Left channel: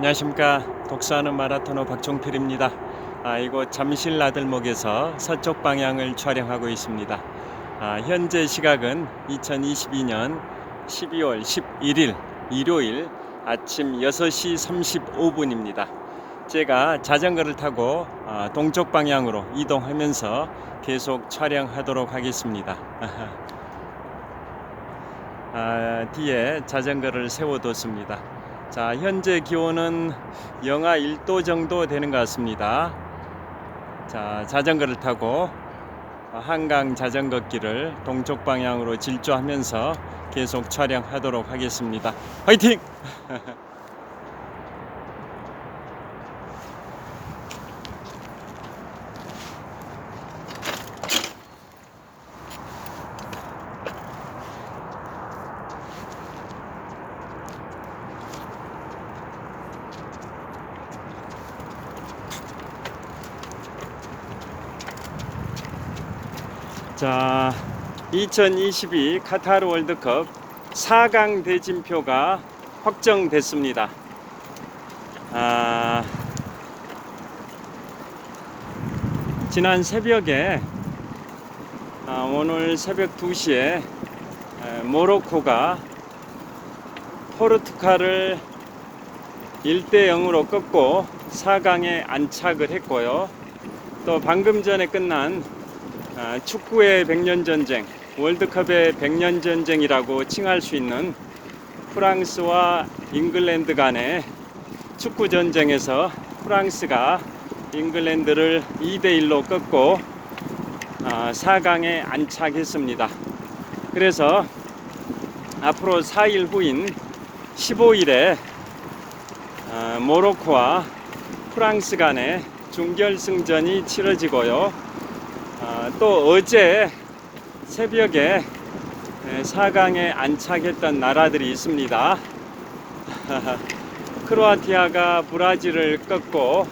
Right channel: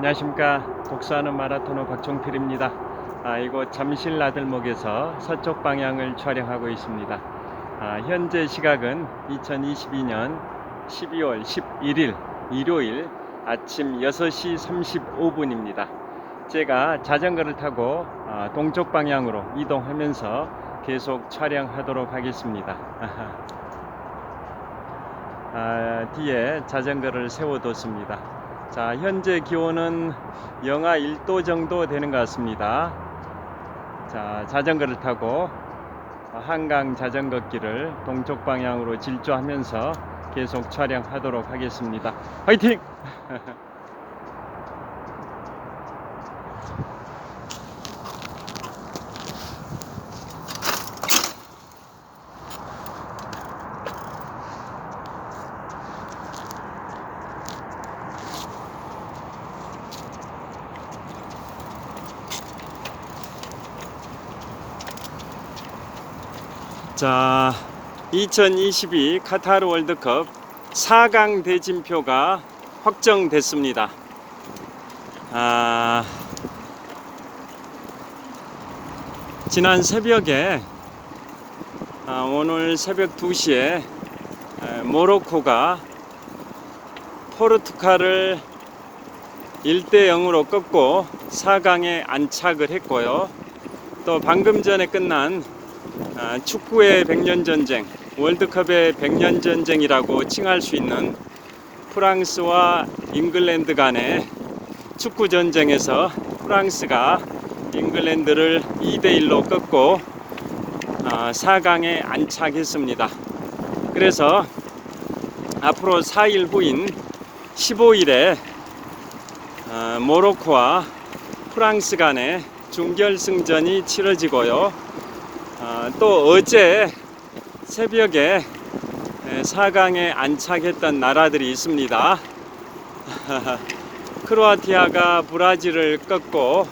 안녕하십니까. 독서하는 마라토너 박종필입니다. 이곳 잠실 나들목에서 서쪽 방향을 촬영하고 있습니다. 현재 시각은 2022년 12월 11일 일요일 아침 6시 35분입니다. 제가 자전거를 타고 동쪽 방향으로 이동하면서 계속 촬영하도록 하겠습니다. 뒤에 자전거를 세워뒀습니다. 자, 현재 기온은 영하 1도 정도 되는 것 같습니다. 자, 자전거를 타고 한강 자전거 길을 동쪽 방향으로 질주하면서 계속 촬영하도록 하겠습니다. 화이팅! 자, 2022 카타르 월드컵 4강 대진표가 확정됐습니다. 지난 새벽에 오늘 새벽 2시에 모로코가 포르투갈을 1대 0으로 꺾고 4강에 안착을 했고요. 또 방금 전에 끝난 축구의 100년 전쟁, 월드컵의 100년 전쟁이라고 칭할 수 있는 프랑스와 잉글랜드 간의 축구 전쟁에서 프랑스가 잉글랜드를 2대 1로 꺾고 4강에 안착했습니다. 그래서 앞으로 4일 후인 15일에 모로코와 프랑스 간의 준결승전이 치러지고요. 또 어제 새벽에 4강에 안착했던 나라들이 있습니다. 크로아티아가 브라질을 꺾고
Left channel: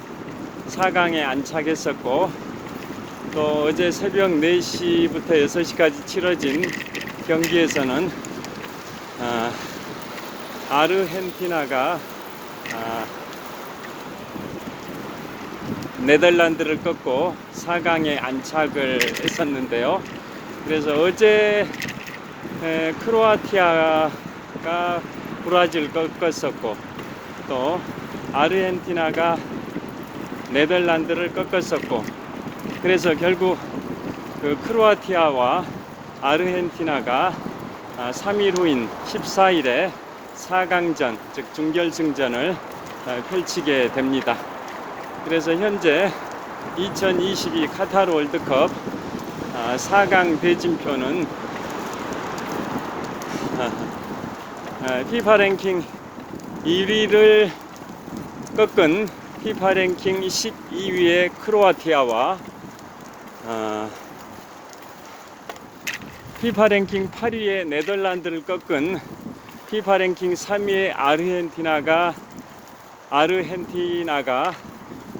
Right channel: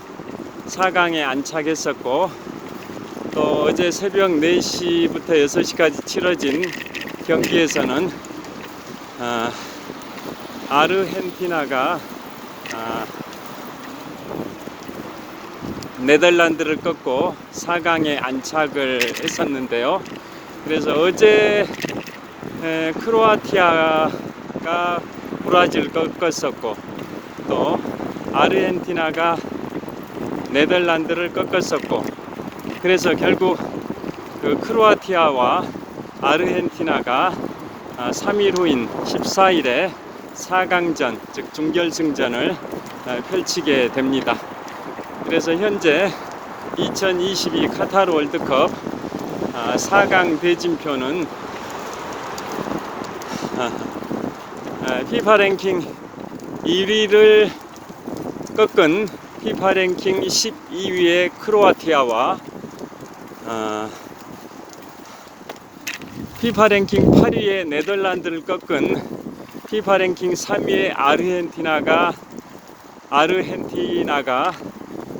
4강에 안착했었고, 또 어제 새벽 4시부터 6시까지 치러진 경기에서는 아르헨티나가 네덜란드를 꺾고 4강에 안착을 했었는데요. 그래서 어제 크로아티아가 브라질을 꺾었었고, 또 아르헨티나가 네덜란드를 꺾었었고, 그래서 결국 그 크로아티아와 아르헨티나가 3일 후인 14일에 4강전, 즉 준결승전을 펼치게 됩니다. 그래서 현재 2022 카타르 월드컵 4강 대진표는 피파 랭킹 1위를 꺾은 피파 랭킹 12위의 크로아티아와 피파 랭킹 8위의 네덜란드를 꺾은 피파 랭킹 3위의 아르헨티나가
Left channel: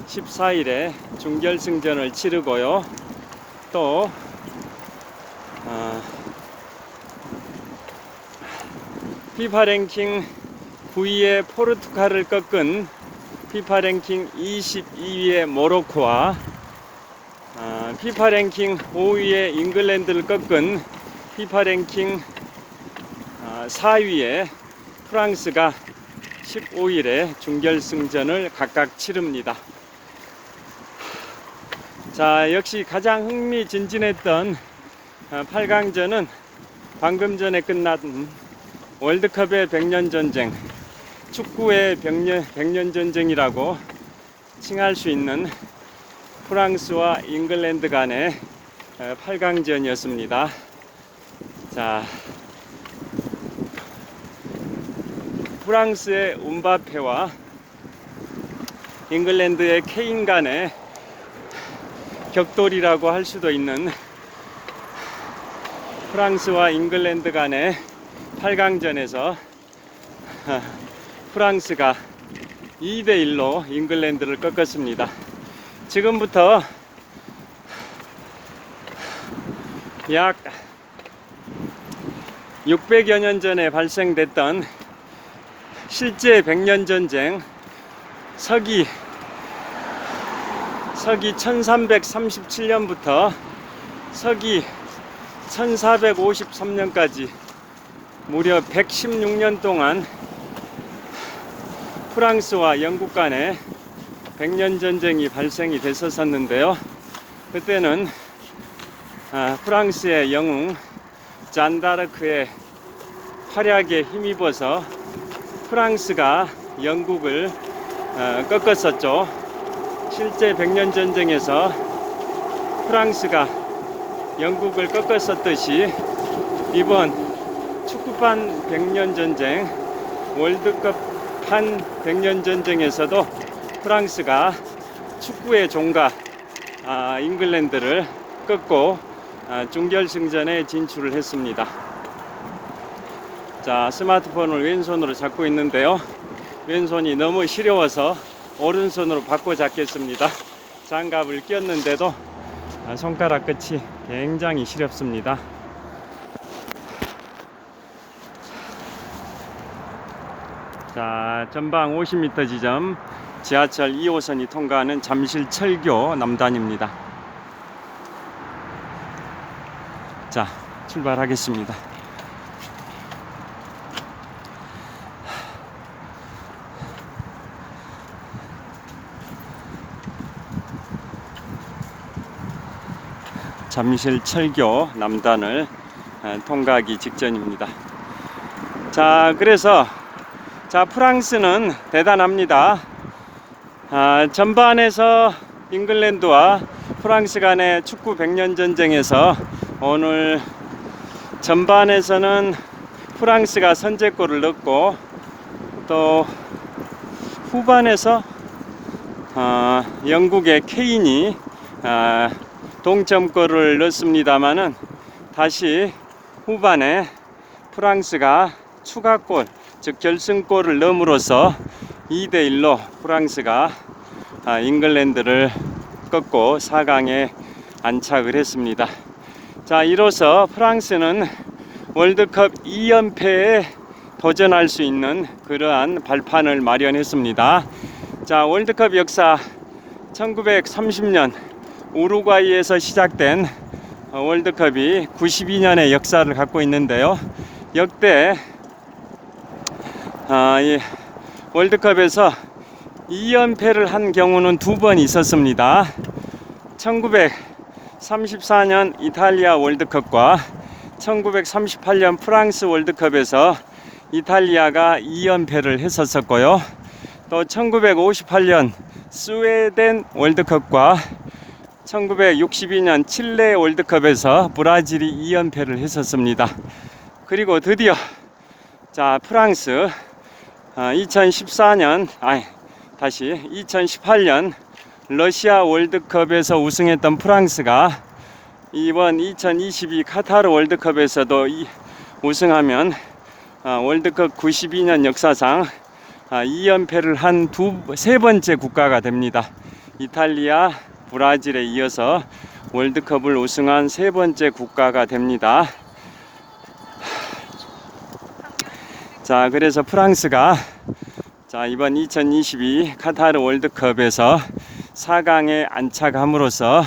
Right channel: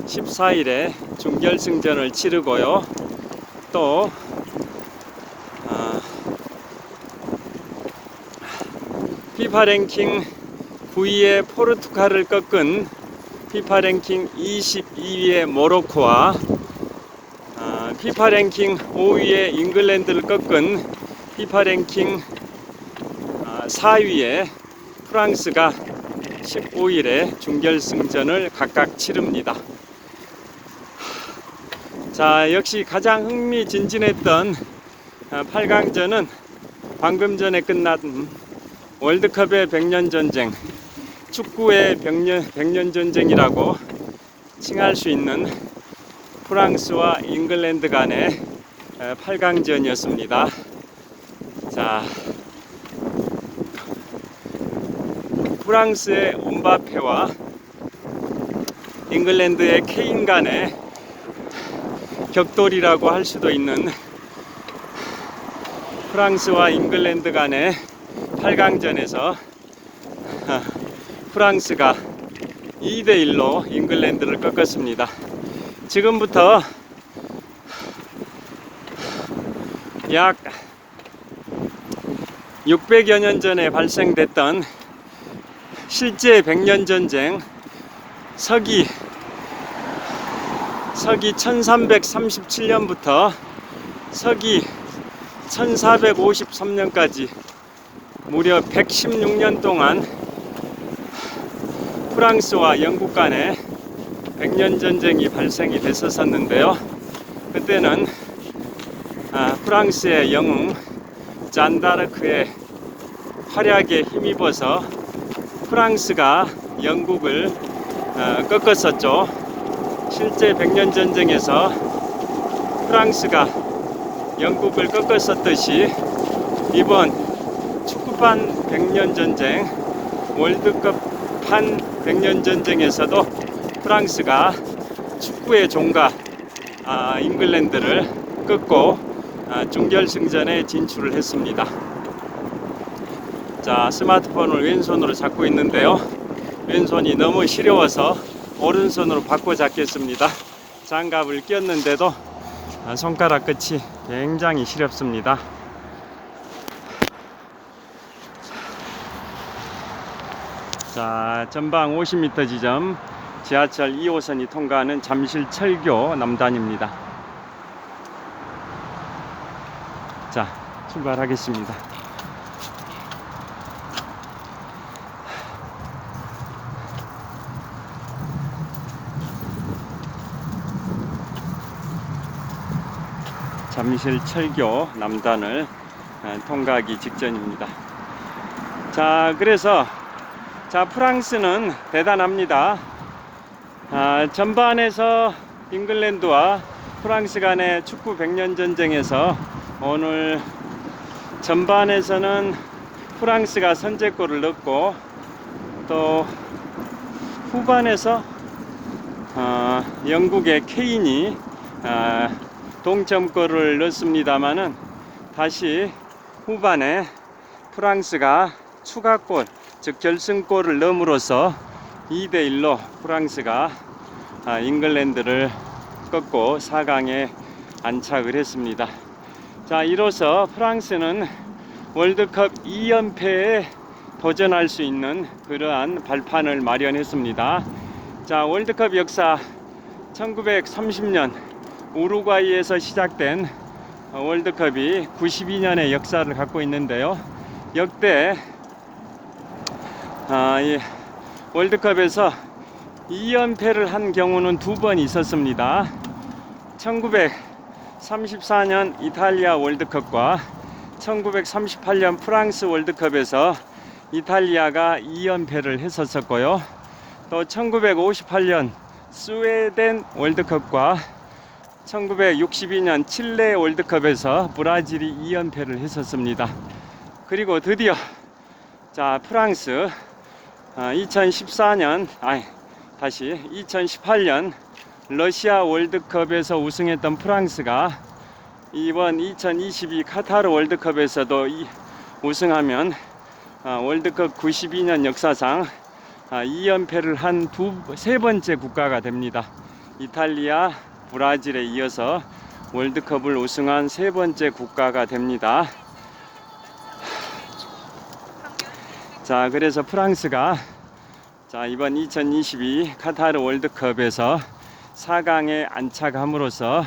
14일에 준결승전을 치르고요. 또 피파 랭킹 9위의 포르투갈을 꺾은 피파 랭킹 22위의 모로코와 피파 랭킹 5위의 잉글랜드를 꺾은 피파 랭킹 4위의 프랑스가 15일에 준결승전을 각각 치릅니다. 자, 역시 가장 흥미진진했던 8강전은 방금 전에 끝난 월드컵의 100년 전쟁, 축구의 100년 전쟁이라고 칭할 수 있는 프랑스와 잉글랜드 간의 8강전이었습니다. 자, 프랑스의 음바페와 잉글랜드의 케인 간의 격돌이라고 할 수도 있는 프랑스와 잉글랜드 간의 8강전에서 프랑스가 2대 1로 잉글랜드를 꺾었습니다. 지금부터 약 600여 년 전에 발생됐던 실제 100년 전쟁 서기 1337년부터 서기 1453년까지 무려 116년 동안 프랑스와 영국 간에 백년전쟁이 발생이 됐었는데요. 그때는 프랑스의 영웅 잔다르크의 활약에 힘입어서 프랑스가 영국을 꺾었었죠. 실제 백년전쟁에서 프랑스가 영국을 꺾었었듯이 이번 축구판 백년전쟁, 월드컵판 백년전쟁에서도 프랑스가 축구의 종가 잉글랜드를 꺾고 준결승전에 진출을 했습니다. 자, 스마트폰을 왼손으로 잡고 있는데요. 왼손이 너무 시려워서 오른손으로 바꿔 잡겠습니다. 장갑을 꼈는데도 손가락 끝이 굉장히 시렵습니다. 자, 전방 50m 지점 지하철 2호선이 통과하는 잠실철교 남단입니다. 자, 출발하겠습니다. 잠실철교 남단을 통과하기 직전입니다. 자, 그래서 프랑스는 대단합니다. 전반에서 잉글랜드와 프랑스 간의 축구 백년전쟁에서 오늘 전반에서는 프랑스가 선제골을 넣고 또 후반에서 영국의 케인이 동점골을 넣습니다마는 다시 후반에 프랑스가 추가골, 즉 결승골을 넣음으로써 2대1로 프랑스가 잉글랜드를 꺾고 4강에 안착을 했습니다. 자, 이로써 프랑스는 월드컵 2연패에 도전할 수 있는 그러한 발판을 마련했습니다. 자, 월드컵 역사 1930년 우루과이에서 시작된 월드컵이 92년의 역사를 갖고 있는데요. 역대 이 월드컵에서 2연패를 한 경우는 2번 있었습니다. 1934년 이탈리아 월드컵과 1938년 프랑스 월드컵에서 이탈리아가 2연패를 했었고요. 또 1958년 스웨덴 월드컵과 1962년 칠레 월드컵에서 브라질이 2연패를 했었습니다. 그리고 드디어 프랑스 2018년 러시아 월드컵에서 우승했던 프랑스가 이번 2022 카타르 월드컵에서도 우승하면 월드컵 92년 역사상 2연패를 한 세 번째 국가가 됩니다. 이탈리아, 브라질에 이어서 월드컵을 우승한 세 번째 국가가 됩니다. 자, 그래서 프랑스가 이번 2022 카타르 월드컵에서 4강에 안착함으로써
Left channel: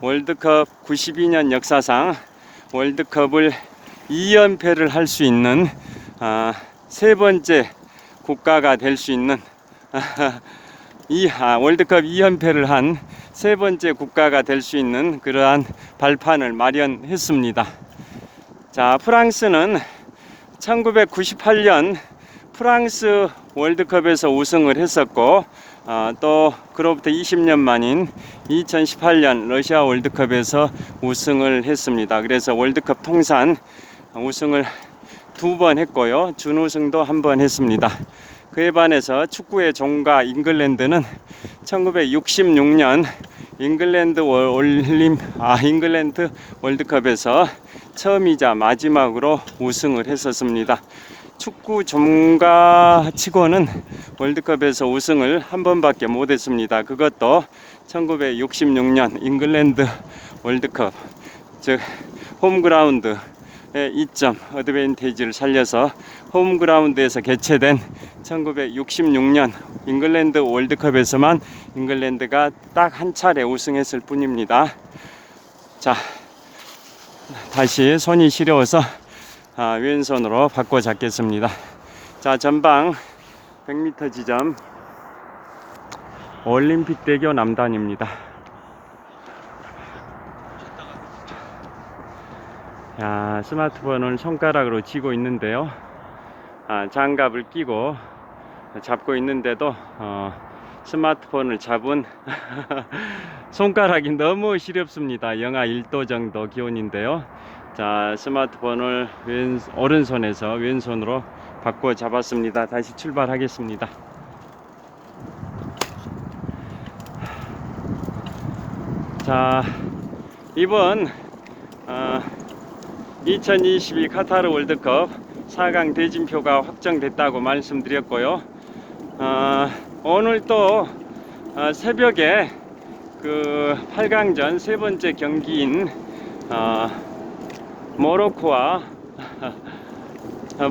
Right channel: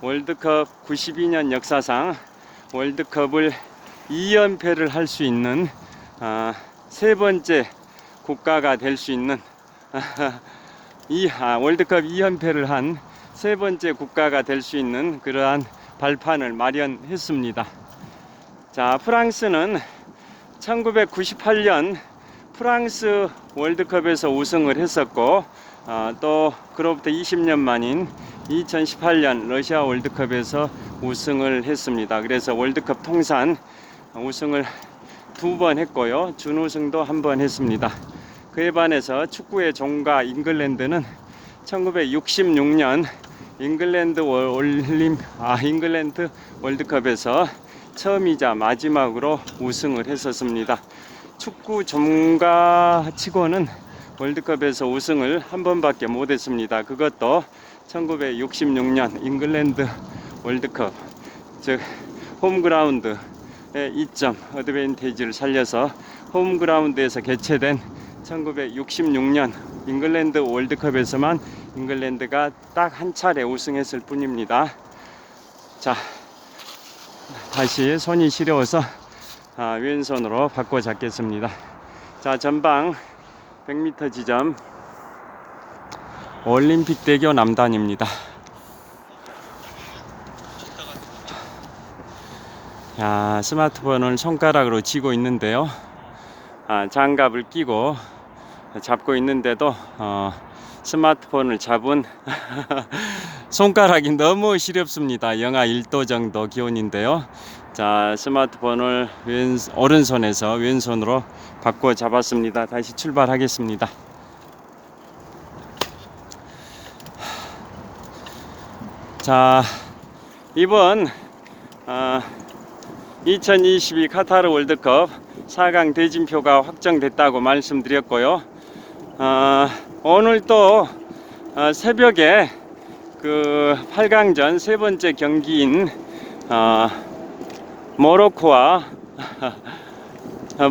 월드컵 92년 역사상 월드컵을 2연패를 할 수 있는 세 번째 국가가 될 수 있는 월드컵 2연패를 한 세 번째 국가가 될 수 있는 그러한 발판을 마련했습니다. 자, 프랑스는 1998년 프랑스 월드컵에서 우승을 했었고 또 그로부터 20년 만인 2018년 러시아 월드컵에서 우승을 했습니다. 그래서 월드컵 통산 우승을 2번 했고요. 준우승도 1번 했습니다. 그에 반해서 축구의 종가 잉글랜드는 1966년 잉글랜드 월드컵에서 처음이자 마지막으로 우승을 했었습니다. 축구 종가치고는 월드컵에서 우승을 한 번밖에 못했습니다. 그것도 1966년 잉글랜드 월드컵, 즉 홈그라운드의 이점 어드밴티지를 살려서 홈그라운드에서 개최된 1966년 잉글랜드 월드컵에서만 잉글랜드가 딱 한 차례 우승했을 뿐입니다. 자, 다시 손이 시려워서 왼손으로 바꿔 잡겠습니다. 자, 전방 100m 지점 올림픽대교 남단입니다. 자, 스마트폰을 손가락으로 쥐고 있는데요. 장갑을 끼고 잡고 있는데도 스마트폰을 잡은 손가락이 너무 시렵습니다. 영하 1도 정도 기온인데요. 자, 스마트폰을 오른손에서 왼손으로 바꿔 잡았습니다. 다시 출발하겠습니다. 자, 이번 2022 카타르 월드컵 4강 대진표가 확정됐다고 말씀드렸고요. 오늘 또 새벽에 그 8강전 세 번째 경기인 모로코와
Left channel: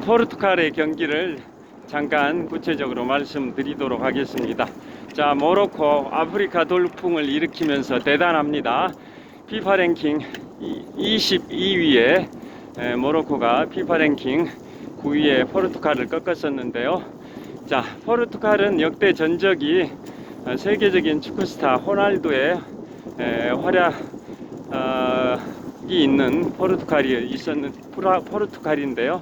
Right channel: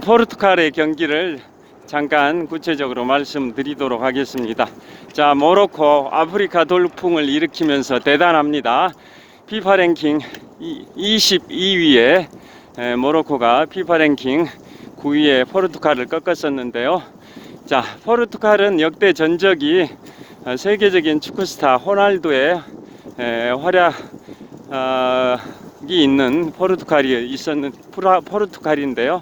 포르투갈의 경기를 잠깐 구체적으로 말씀드리도록 하겠습니다. 자, 모로코 아프리카 돌풍을 일으키면서 대단합니다. 피파 랭킹 22위에 모로코가 피파 랭킹 9위에 포르투갈을 꺾었었는데요. 자, 포르투갈은 역대 전적이 세계적인 축구스타 호날두의 활약이 있는 포르투갈인데요.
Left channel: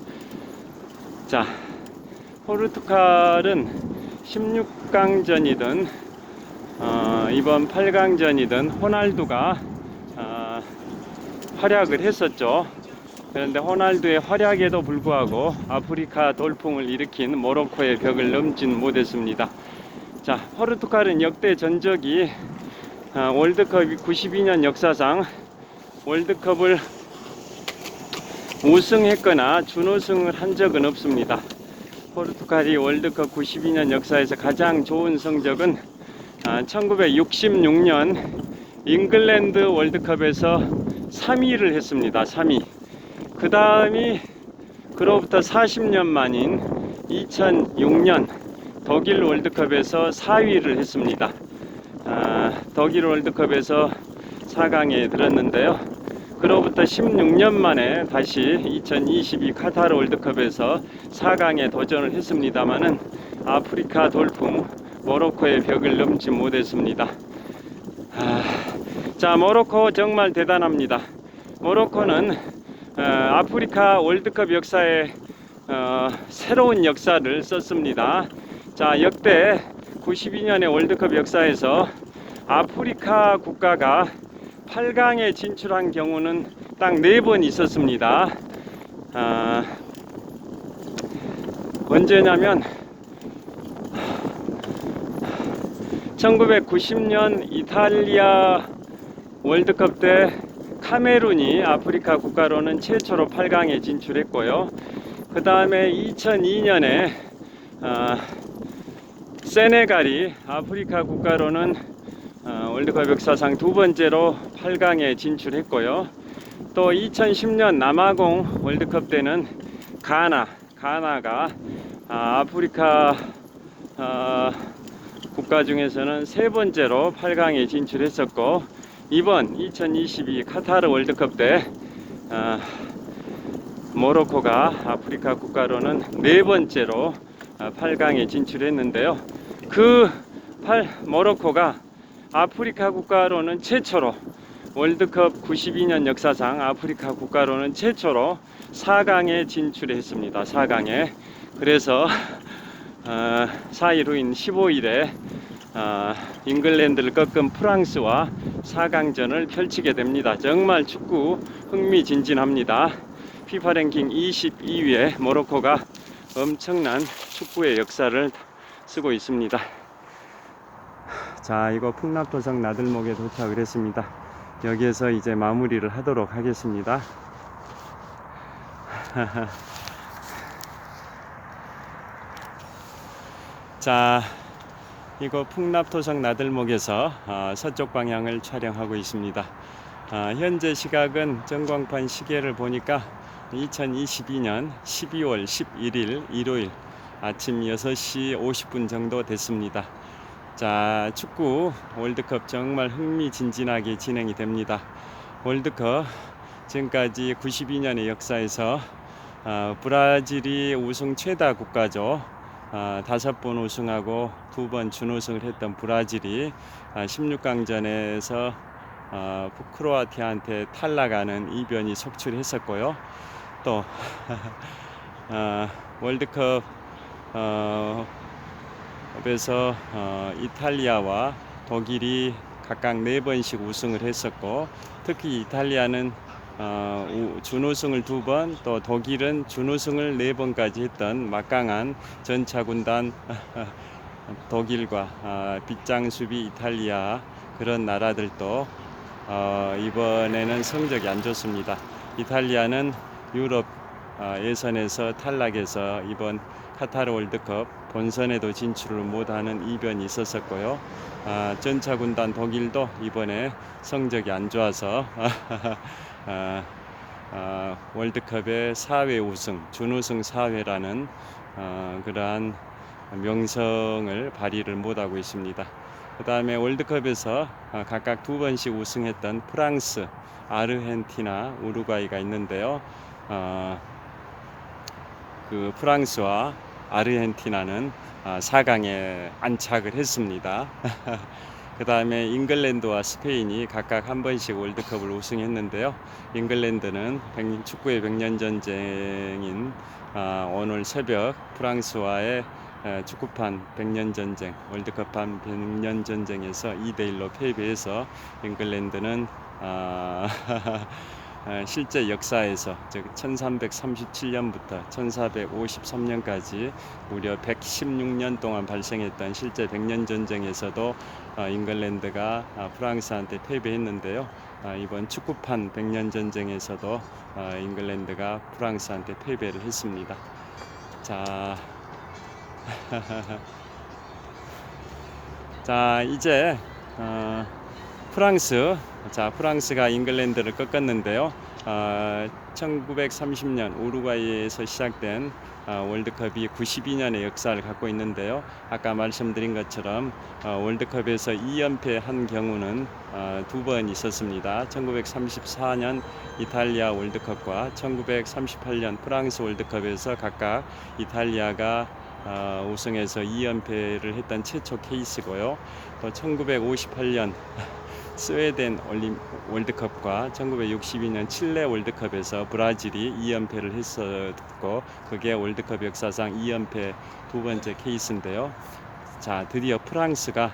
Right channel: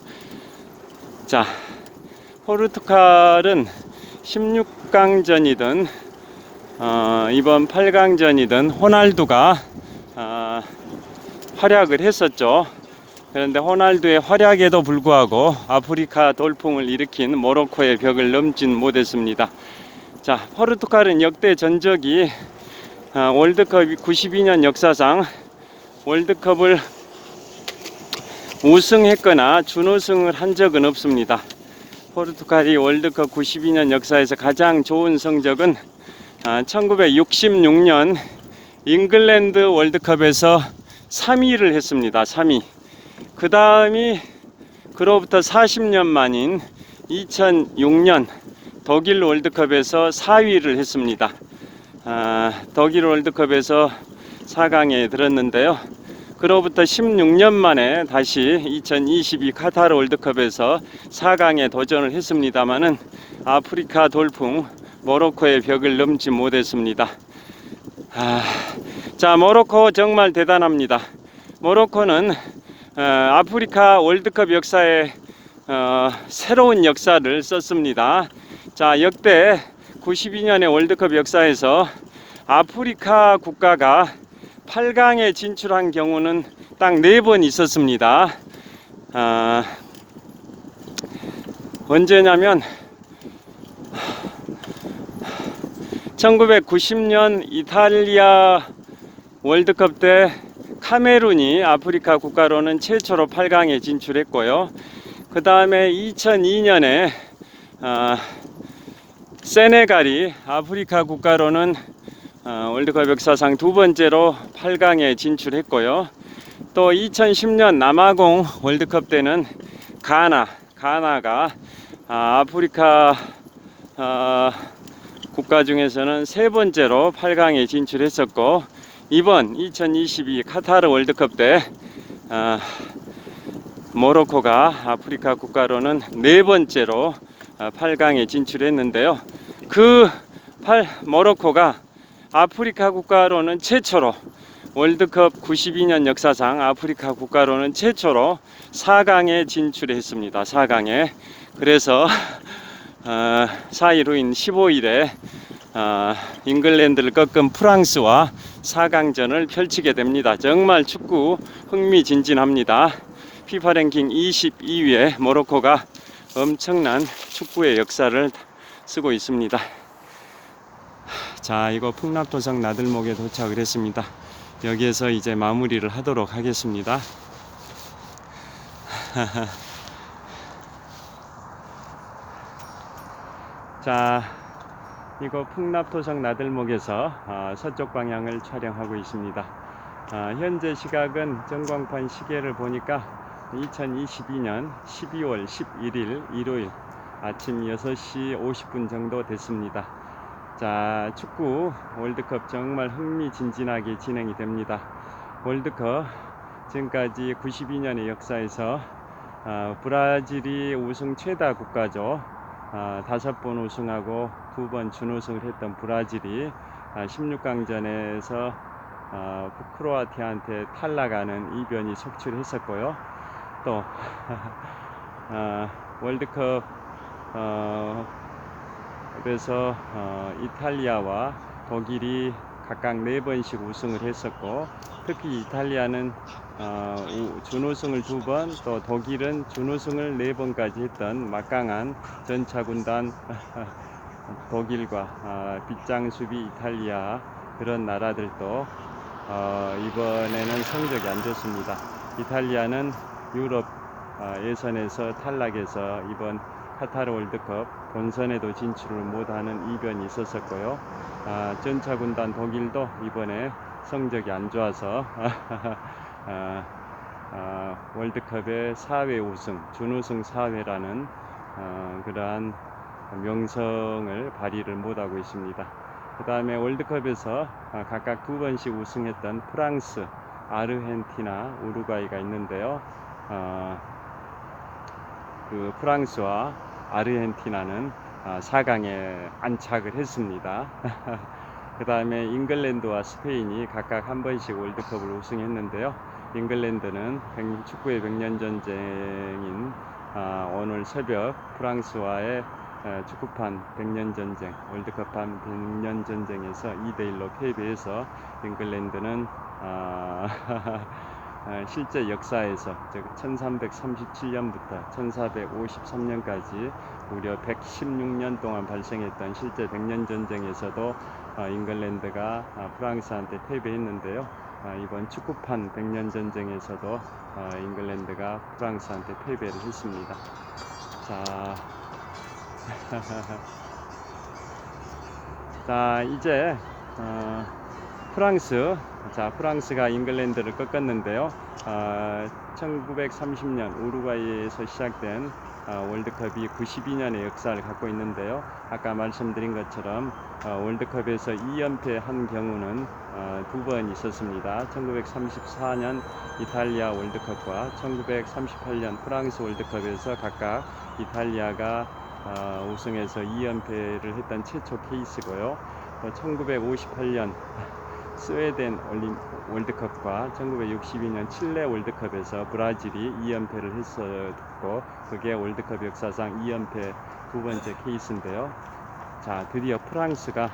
자, 포르투갈은 16강전이든 이번 8강전이든 호날두가 활약을 했었죠. 그런데 호날두의 활약에도 불구하고 아프리카 돌풍을 일으킨 모로코의 벽을 넘진 못했습니다. 자, 포르투갈은 역대 전적이 월드컵 92년 역사상 월드컵을 우승했거나 준우승을 한 적은 없습니다. 포르투갈이 월드컵 92년 역사에서 가장 좋은 성적은 1966년 잉글랜드 월드컵에서 3위를 했습니다. 3위. 그 다음이 그로부터 40년 만인 2006년 독일 월드컵에서 4위를 했습니다. 독일 월드컵에서 4강에 들었는데요. 그로부터 16년 만에 다시 2022 카타르 월드컵에서 4강에 도전을 했습니다마는 아프리카 돌풍 모로코의 벽을 넘지 못했습니다. 자, 모로코 정말 대단합니다. 모로코는 아프리카 월드컵 역사에 새로운 역사를 썼습니다. 자, 역대 92년의 월드컵 역사에서 아프리카 국가가 8강에 진출한 경우는 딱 4번 있었습니다. 언제냐면 1990년 이탈리아 월드컵 때 카메룬이 아프리카 국가로는 최초로 8강에 진출했고요. 그 다음에 2002년에 세네갈이 아프리카 국가로는 월드컵 역사상 두 번째로 8강에 진출했고요. 또 2010년 남아공 월드컵 때는 가나가 아프리카 국가 중에서는 세 번째로 8강에 진출했었고, 이번 2022 카타르 월드컵 때 모로코가 아프리카 국가로는 네 번째로 8강에 진출했는데요. 모로코가 아프리카 국가로는 최초로 월드컵 92년 역사상 아프리카 국가로는 최초로 4강에 진출했습니다. 4강에. 그래서 4일 후인 15일에 잉글랜드를 꺾은 프랑스와 4강전을 펼치게 됩니다. 정말 축구 흥미진진합니다. 피파 랭킹 22위에 모로코가 엄청난 축구의 역사를 쓰고 있습니다. 자, 이거 풍납토성 나들목에 도착을 했습니다. 여기에서 이제 마무리를 하도록 하겠습니다. 자, 이거 풍납토성 나들목에서 서쪽 방향을 촬영하고 있습니다. 현재 시각은 전광판 시계를 보니까 2022년 12월 11일 일요일 아침 6시 50분 정도 됐습니다. 자, 축구 월드컵 정말 흥미진진하게 진행이 됩니다. 월드컵 지금까지 92년의 역사에서 브라질이 우승 최다 국가죠. 5번 우승하고 2번 준우승을 했던 브라질이 16강전에서 크로아티아한테 탈락하는 이변이 속출했었고요. 또 월드컵 에서 이탈리아와 독일이 각각 4번씩 우승을 했었고, 특히 이탈리아는 준우승을 2번, 또 독일은 준우승을 4번까지 했던 막강한 전차군단 독일과 빗장 수비 이탈리아, 그런 나라들도 이번에는 성적이 안 좋습니다. 이탈리아는 유럽 예선에서 탈락해서 이번 카타르 월드컵 본선에도 진출을 못하는 이변이 있었었고요. 전차군단 독일도 이번에 성적이 안 좋아서 월드컵의 4회 우승, 준우승 4회라는 그러한 명성을 발휘를 못하고 있습니다. 그 다음에 월드컵에서 각각 2번씩 우승했던 프랑스, 아르헨티나, 우루과이가 있는데요. 그 프랑스와 아르헨티나는 4강에 안착을 했습니다. 그 다음에 잉글랜드와 스페인이 각각 1번씩 월드컵을 우승했는데요. 잉글랜드는 축구의 100년 전쟁인 오늘 새벽 프랑스와의 축구판 100년 전쟁, 월드컵판 100년 전쟁에서 2대1로 패배해서 잉글랜드는 실제 역사에서 즉 1337년부터 1453년까지 무려 116년 동안 발생했던 실제 100년 전쟁에서도 잉글랜드가 프랑스한테 패배했는데요. 이번 축구판 100년 전쟁에서도 잉글랜드가 프랑스한테 패배를 했습니다. 자, 자, 이제 프랑스가 잉글랜드를 꺾었는데요. 1930년 우루과이에서 시작된 월드컵이 92년의 역사를 갖고 있는데요. 아까 말씀드린 것처럼 월드컵에서 2연패한 경우는 2번 있었습니다. 1934년 이탈리아 월드컵과 1938년 프랑스 월드컵에서 각각 이탈리아가 우승해서 2연패를 했던 최초 케이스고요. 또 1958년 스웨덴 월드컵과 1962년 칠레 월드컵에서 브라질이 2연패를 했었고, 그게 월드컵 역사상 2연패 2번째 케이스인데요. 자, 드디어 프랑스가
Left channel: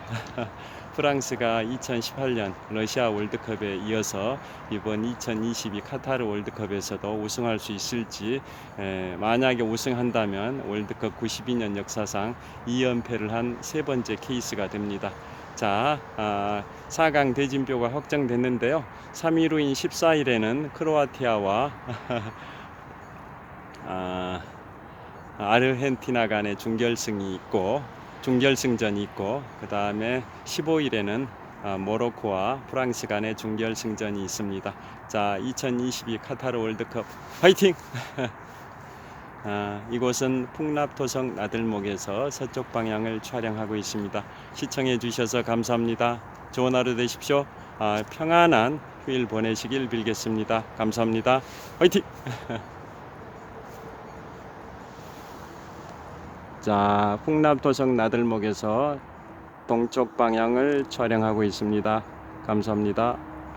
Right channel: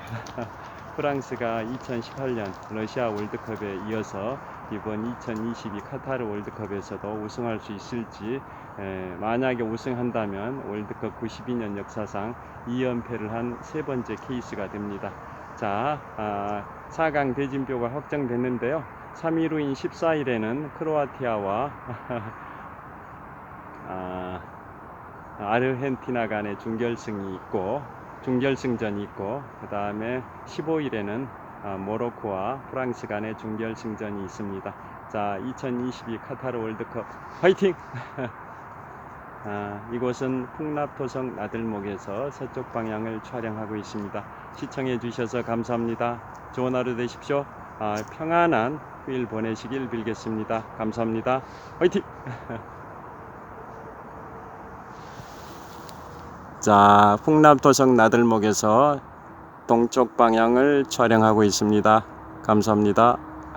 2018년 러시아 월드컵에 이어서 이번 2022 카타르 월드컵에서도 우승할 수 있을지, 만약에 우승한다면 월드컵 92년 역사상 2연패를 한 3번째 케이스가 됩니다. 자, 4강 대진표가 확정됐는데요. 3일 후인 14일에는 크로아티아와 아르헨티나 간의 중결승전이 있고, 그 다음에 15일에는 모로코와 프랑스 간의 중결승전이 있습니다. 자, 2022 카타르 월드컵 화이팅! 이곳은 풍납토성 나들목에서 서쪽 방향을 촬영하고 있습니다. 시청해 주셔서 감사합니다. 좋은 하루 되십시오. 평안한 휴일 보내시길 빌겠습니다. 감사합니다. 화이팅! 자, 풍납토성 나들목에서 동쪽 방향을 촬영하고 있습니다. 감사합니다.